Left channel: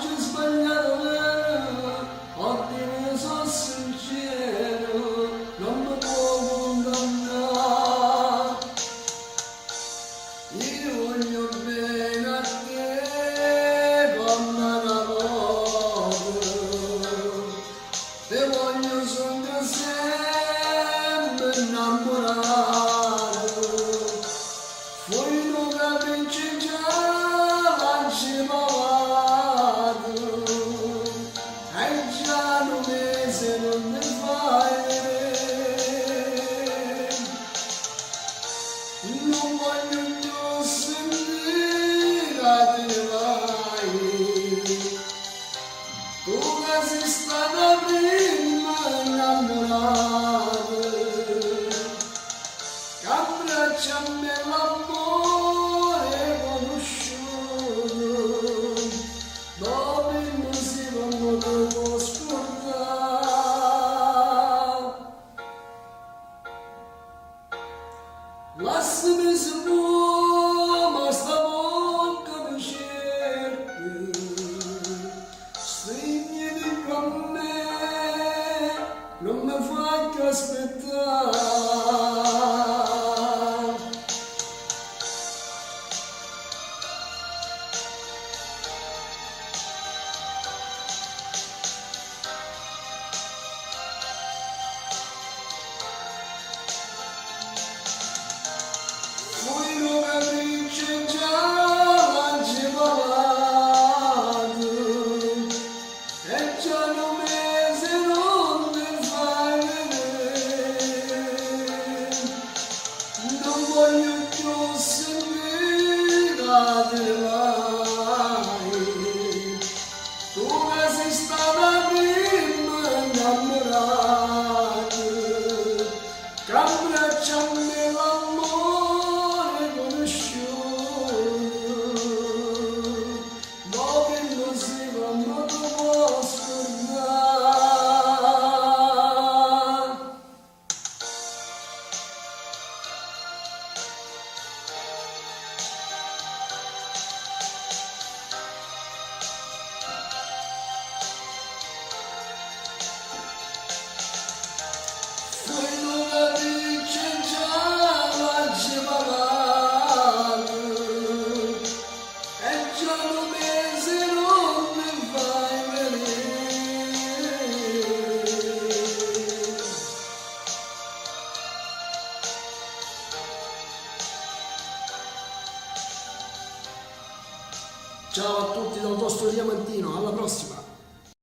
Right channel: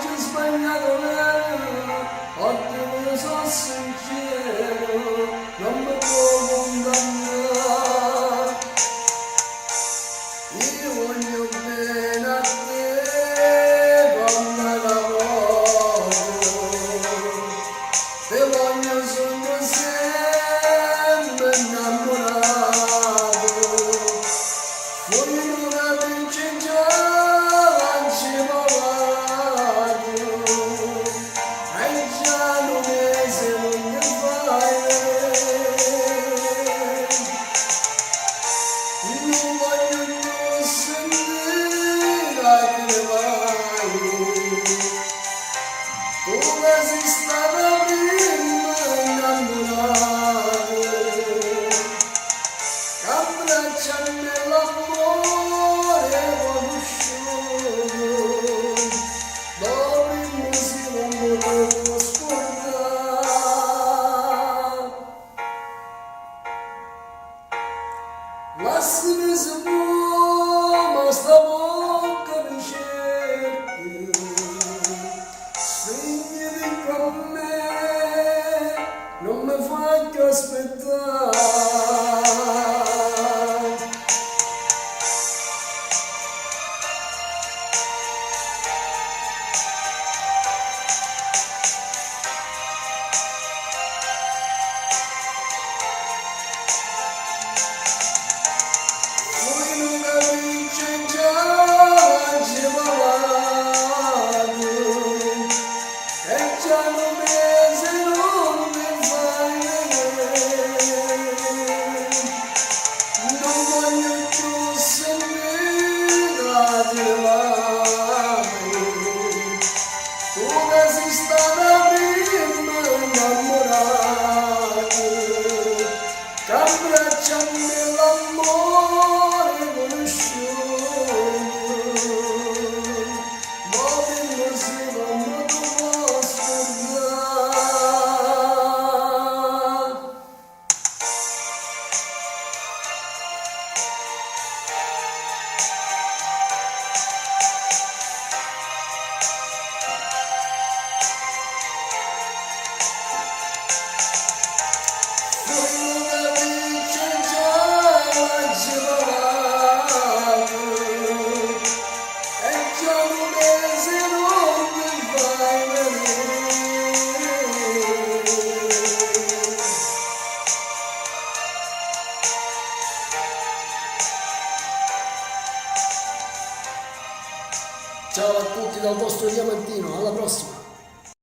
ci sbagliato oggi ne sono sincero, non mi può condannare. Io voglio bene a te come lavoro, te voglio sono sempre innamorato. Fuori non capisci già, lanci pavato, e già non mese non mi fai vedere. Non voglio più sentire che vai, tu che sei stata prima innamorata, che abbracciami l'amore conosciuto, dopo il museo non lo scordare. Lasciami se vuoi, ma sta bocca mi cerchi, spegniti con me, non mi fai che aspettare. Voi non capisce già, lanci pavato, e già un mese non mi fai vedere. Non voglio più sentire che vai, tu che sei stata prima innamorata, che abbracciami l'amore conosciuto, dove non si va ma tu puoi scordare. Voi non capisce già, lanci pavato, e già un mese non mi fai vedere. Ciao a tutti dal vostro Diamantino, alla prossima!